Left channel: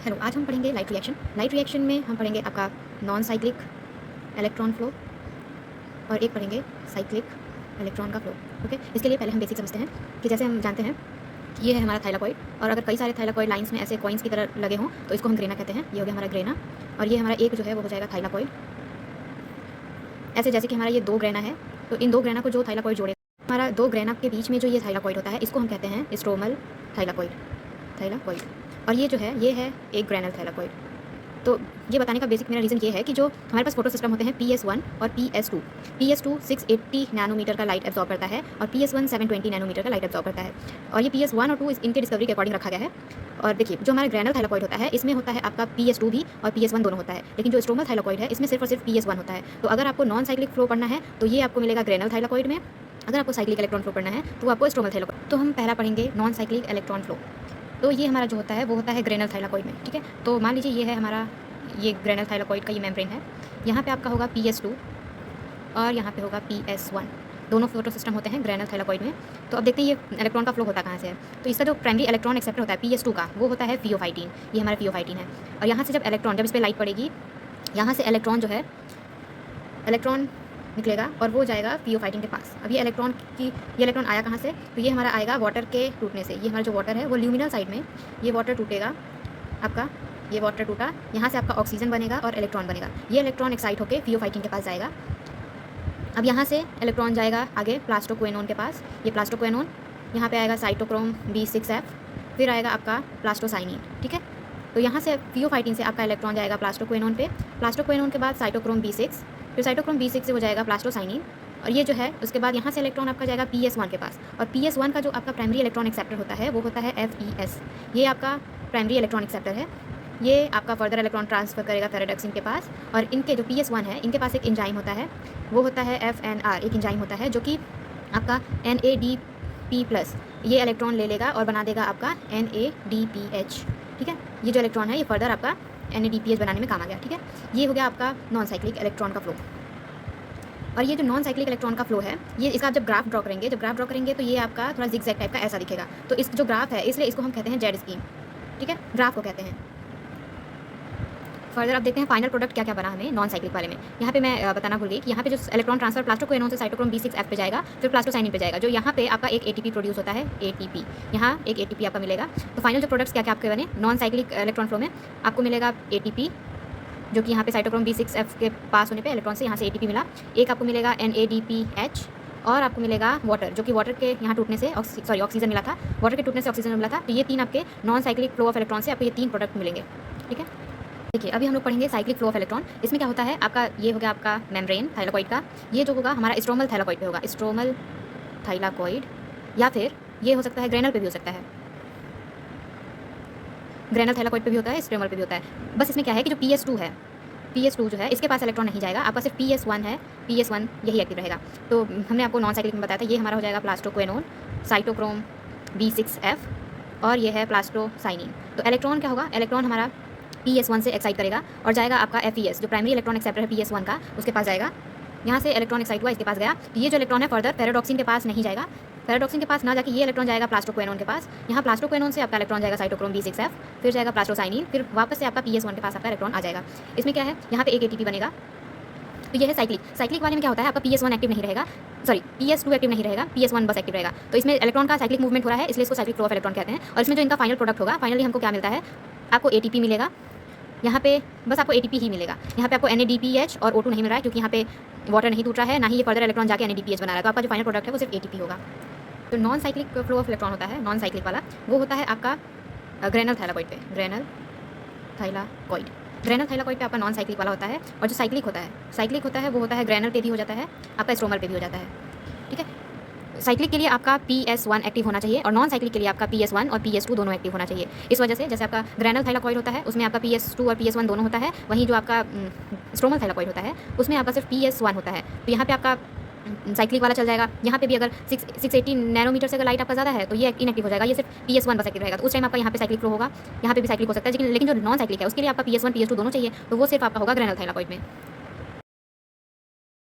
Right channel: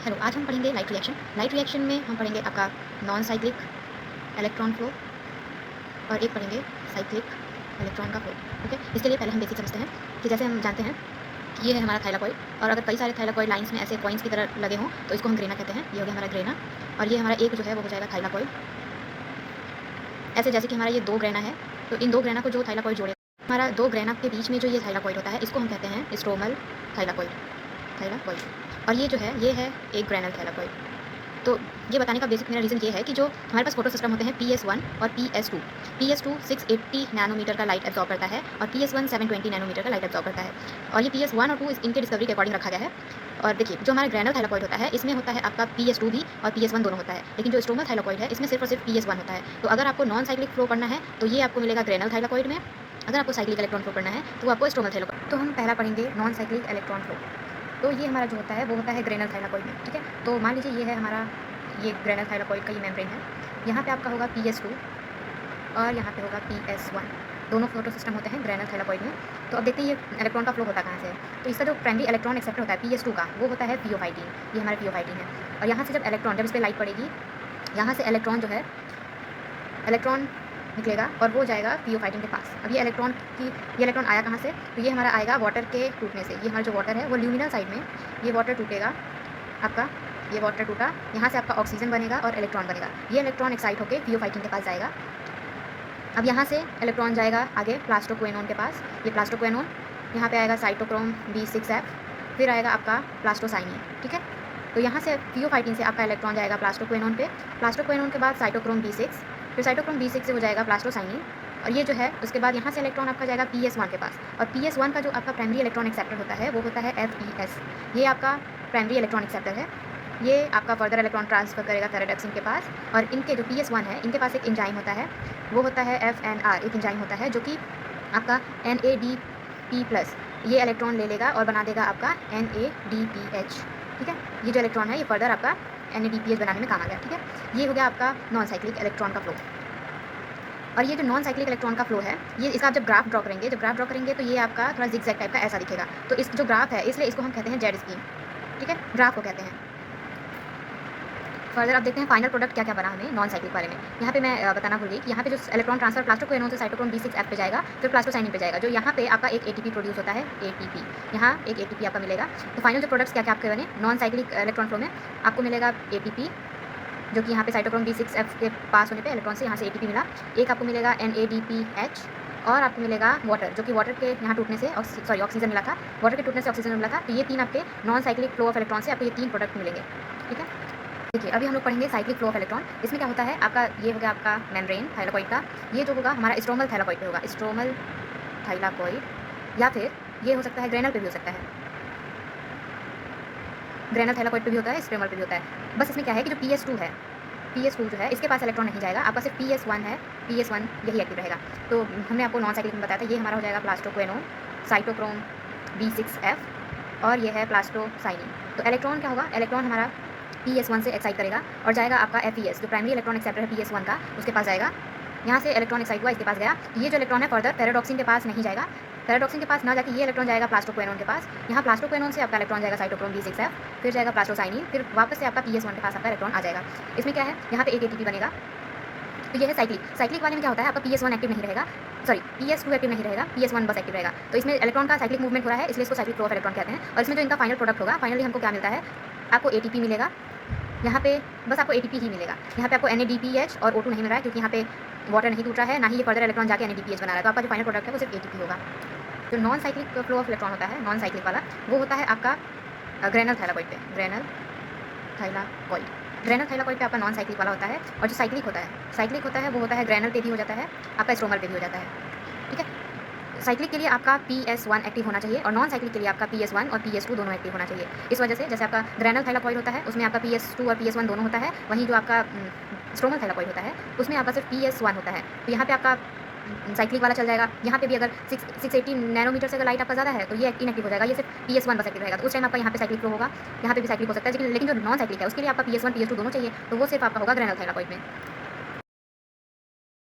Hello, आज हम पढ़ेंगे लाइट रिएक्शन। लाइट रिएक्शन में हम पढ़ेंगे आपका नॉन साइक्लिक इलेक्ट्रॉन फ्लो और एक पढ़ेंगे साइक्लिक इलेक्ट्रॉन का फ्लो। ओके, इसके लिए पहले हम बेसिक समझते हैं कि जैसे हम जानते हैं ये है हमारा थाइलाकॉइड, और अगर कई सारे थाइलाकॉइड लाइंस में ऐसे कॉइन्स की तरह लगे हों तो इसको हम ग्रेना कहते हैं। ये हो गया हमारा ग्रेना, और ये हमारा एक जो है वो हो जाएगा थाइलाकॉइड। ऐसे जैसे कि हमारा ये दो ग्रेना है, तो इन दो ग्रेना को जो थाइलाकॉइड जोड़े, हमारा दो ग्रेना के बीच में जो ये थाइलाकॉइड होता है इसको हम कहते हैं स्ट्रोमल थाइलाकॉइड। थाइलाकॉइड और ये जो है ये है एक ग्रेनल थाइलाकॉइड। तो ये बताने का बेसिक मेरा रीज़न ये है कि जो हमारे पास फोटो सिस्टम होते हैं PS1 और PS2। PS2 680 नैनोमीटर का लाइट एब्जॉर्ब करता है और PS1 720 नैनोमीटर का लाइट एब्जॉर्ब करता है। और ये PS1 और 2 इनके डिस्कवरी के अकॉर्डिंग रखा गया है। और देखिए, जो हमारा ग्रेनल थाइलाकॉइड होता है इसमें होता है आपका PS2 भी और PS1 दोनों होता है, लेकिन जो स्ट्रोमल थाइलाकॉइड है इसमें सिर्फ और सिर्फ PS1 होता है। तो अगर आपको नॉन साइक्लिक फ्लो पढ़ना है तो ये आपको मिलेगा ग्रेनल थाइलाकॉइड में, अगर आपको साइक्लिक इलेक्ट्रॉन फ्लो पढ़ना है तो आपको स्ट्रोमल थाइलाकॉइड। तो हम पहला पढ़ेंगे नॉन साइक्लिक इलेक्ट्रॉन फ्लो। तो ये हमारा जो होता है वो होता है ग्रेनल थाइलाकॉइड में। ठीक है, तो मान लीजिए ये है हमारा ये ग्रेनल थाइलाकॉइड का ये मेम्ब्रेन है। यहाँ पे आपका होगा PS2 और यहाँ पे होगा PS1। दोनों फोटो सिस्टम होते हैं ग्रेनल थाइलाकॉइड में। तो अब देखते हैं ये इलेक्ट्रॉन का फ्लो होता कहाँ से है। तो इसका जो प्राइमरी इलेक्ट्रॉन एक्सेप्टर होता है PS2 का, वो होता है फियोफाइटीन। ये हमारा फियोफाइटीन है। और यहाँ से जब इलेक्ट्रॉन, जब इस पर लाइट पड़ेगी, यहाँ से इलेक्ट्रॉन जो है, इलेक्ट्रॉन निकलेगा और वो जाएगा फियोफाइटीन के पास। अब ये इलेक्ट्रॉन आया कहाँ से, तो ये हमारा आएगा वाटर के टूटने से। ये हमारा जो वाटर है वो ल्यूमिनल साइड में ये वाटर टूटेगा आपका, ये वाटर टूटा, यहाँ से आपका ऑक्सीजन बनेगा और इलेक्ट्रॉन बनेगा। ये इलेक्ट्रॉन एक्साइट होकर फियोफाइटीन के पास जाएगा। अब यहाँ से इलेक्ट्रॉन जाएगा आगे प्लास्टोक्वेनोन के पास। ये प्लास्टोक्वेनोन, यहाँ पे आएगा साइटोक्रोम B6F, फिर आएगा आपका प्लास्टोसाइनिन। ठीक है, तो यहाँ से फियोफाइटीन से आपका इलेक्ट्रॉन जाएगा प्लास्टोक्वेनोन पे, प्लास्टोक्वेनोन के बाद साइटोक्रोम B6, फिर साइटोक्रोम B6 से हो जाएगा प्लास्टोसाइनिन। और ये जो है उसके बाद यहाँ से इलेक्ट्रॉन आपका जाएगा PS1 के पास। और PS1 का जो आपका प्राइमरी इलेक्ट्रॉन एक्सेप्टर होता है वो होता है FES। ये आपका प्राइमरी इलेक्ट्रॉन एक्सेप्टर है। ये आपका फर्दर इलेक्ट्रॉन ट्रांसफर करेगा थैलेडॉक्सिन के पास। और इनके जो PS1 है इनके पास एक एंजाइम होता है, वो होता है FNR। एक एंजाइम होता है जो कि आपका NADP+ ये इलेक्ट्रॉन ले लेगा और बना देगा आपका NADPH। ठीक है, ये जो इलेक्ट्रॉन है ये फर्दर आपका NADPH बनाने में काम आ गया। ठीक है, ये हो गया आपका नॉन साइक्लिक इलेक्ट्रॉन का फ्लो। और ये जो नॉन साइक्लिक इलेक्ट्रॉन का फ्लो है, ये इसका आप जब ग्राफ ड्रॉ करेंगे तो ये आपका थोड़ा जिगजैग टाइप का ऐसा दिखेगा। तो इस जो ग्राफ है इसलिए इसको हम कहते हैं जेड स्कीम। ठीक है, ग्राफ को कहते हैं। फर्दर आप देखते हैं फाइनल प्रोडक्ट क्या क्या बना हमें नॉन साइक्लिक वाले में। यहाँ पे मैं बताना भूल गई कि यहाँ पे जो इलेक्ट्रॉन ट्रांसफर प्लास्टोक्वेनोन से साइटोक्रोम B6F पे जाएगा, फिर प्लास्टोसाइनिन पे जाएगा। जो यहाँ पे आपका एक ATP प्रोड्यूस होता है, ATP। यहाँ एक ATP आपका मिलेगा। तो फाइनल जो प्रोडक्ट्स क्या क्या आपके बने नॉन साइक्लिक इलेक्ट्रॉन फ्लो में, आपको मिलेगा ATP, जो कि यहाँ पे साइटोक्रोम B6F के पास होने पे इलेक्ट्रॉन से यहाँ से ATP मिला। एक आपको मिलेगा NADPH, और आपको मिलेगा वाटर, जो कि वाटर के यहाँ टूटने से ऑक्सीजन मिला था, वाटर के टूटने से ऑक्सीजन मिला था। तो ये तीन आपके non cyclic flow of electron से आपको ये तीन प्रोडक्ट मिलेंगे। ठीक है, देखिए अभी हम लोग पढ़ेंगे साइक्लिक फ्लो ऑफ इलेक्ट्रॉन। इसमें क्या होता है आपका, ये हो गया आपका मेम्ब्रेन थाइलाकॉइड का। ये जो होगा हमारा स्ट्रोमल थाइलाकॉइड पे होगा, स्ट्रोमल थाइलाकॉइड, या फिर ये हो सकता है ग्रेनल पे भी हो सकता है। ग्रेनल थाइलाकॉइड पे भी होता है, स्ट्रोमल पे भी होता है। बस इसमें क्या है कि जो PS2 है, PS2 जो है इसके पास इलेक्ट्रॉन नहीं जाएगा, आपका सिर्फ PS1 है। PS1 यही एक्टिव रहेगा। तो हमने आपको नॉन साइक्लिक में बताया था, ये हमारा हो जाएगा प्लास्टोक्वेनोन, साइटोक्रोम B6F, और ये है प्लास्टोसाइनिन। तो इलेक्ट्रॉन क्या होगा, इलेक्ट्रॉन हमारा PS1 से एक्साइट करेगा और जाएगा आपका FES, जो प्राइमरी इलेक्ट्रॉन एक्सेप्टर है PS1 का, उसके पास जाएगा। यहाँ से इलेक्ट्रॉन एक्साइट हुआ, इसके पास गया। तो ये जो इलेक्ट्रॉन है फर्दर थैलेडॉक्सिन के पास नहीं जाएगा। थैलेडॉक्सिन के पास ना जाके ये इलेक्ट्रॉन जाएगा प्लास्टोक्वेनोन के पास। यहाँ प्लास्टोक्वेनोन से आपका इलेक्ट्रॉन जाएगा साइटोक्रोम B6F, फिर जाएगा प्लास्टोसाइनिन, फिर वापस से आपका PS1 के पास आपका इलेक्ट्रॉन आ जाएगा। इसमें क्या है, यहाँ पे एक ATP बनेगा। तो ये है साइक्लिक। साइक्लिक वाले में क्या होता है, आपका PS1 एक्टिव नहीं रहेगा, PS2 एक्टिव नहीं रहेगा, PS1 बस एक्टिव रहेगा। तो इसमें इलेक्ट्रॉन का साइक्लिक मूवमेंट हो रहा है, इसलिए इसको साइक्लिक फ्लो ऑफ इलेक्ट्रॉन कहते हैं। और इसमें जो इनका फाइनल प्रोडक्ट होगा, फाइनली हमको क्या मिलता है, आपको ATP मिलेगा। यहाँ पे बस आपको ATP ही मिलेगा। यहाँ पे आपको NADPH और O2 नहीं मिल रहा है, क्योंकि यहाँ पे वाटर नहीं टूट रहा है, ना ही ये फर्दर इलेक्ट्रॉन जाके NADPH बना रहा है। तो आपका जो फाइनल प्रोडक्ट है वो सिर्फ ATP होगा। जो non cyclic flow of electron होता है, नॉन साइक्लिक वाला, वो होता है आपका ग्रेनल थाइलाकॉइड पे। ग्रेनल थाइलाकॉइड पे आपका नॉन साइक्लिक वाला होता है। और जो साइक्लिक होता है वो होता है ग्रेनल पे भी हो जाता है, आपका स्ट्रोमल पे भी हो जाता है। ठीक है, साइक्लिक के लिए आपका PS1 एक्टिव होना चाहिए, और नॉन साइक्लिक के लिए आपका PS1 और PS2 दोनों एक्टिव होना चाहिए। इस वजह से जैसे आपका ग्रेनल थाइलाकॉइड होता है उसमें आपका PS2 और PS1 दोनों होता है, वहीं जो आपका स्ट्रोमल थाइलाकॉइड होता है उसमें आपका सिर्फ PS1 होता है। तो यहाँ पे आपका साइक्लिक वाला चल जाएगा। यहाँ पे भी अगर 680 नैनोमीटर से अगर लाइट आपका ज़्यादा है तो ये इनएक्टिव हो जाएगा, ये सिर्फ PS1 बस एक्टिव रहेगा। तो उस टाइम आपका यहाँ पे साइक्लिक फ्लो होगा, यहाँ पे भी साइक्लिक हो सकता है। लेकिन जो नॉन साइक्लिक है उसके लिए आपका PS1 PS2 दोनों चाहिए, तो वो सिर्फ आपका होगा ग्रेनल थाइलाकॉइड में।